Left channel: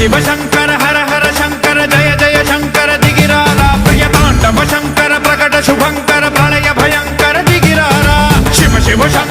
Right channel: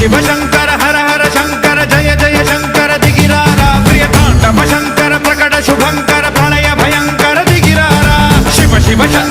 शिव शंकर हर हर शंकर जय जय शंकर दिगिरारा प्रिय तांडव शंकर प्रकट शुभंकर प्रलय भयंकर दिगिरारा शिव शिव शंकर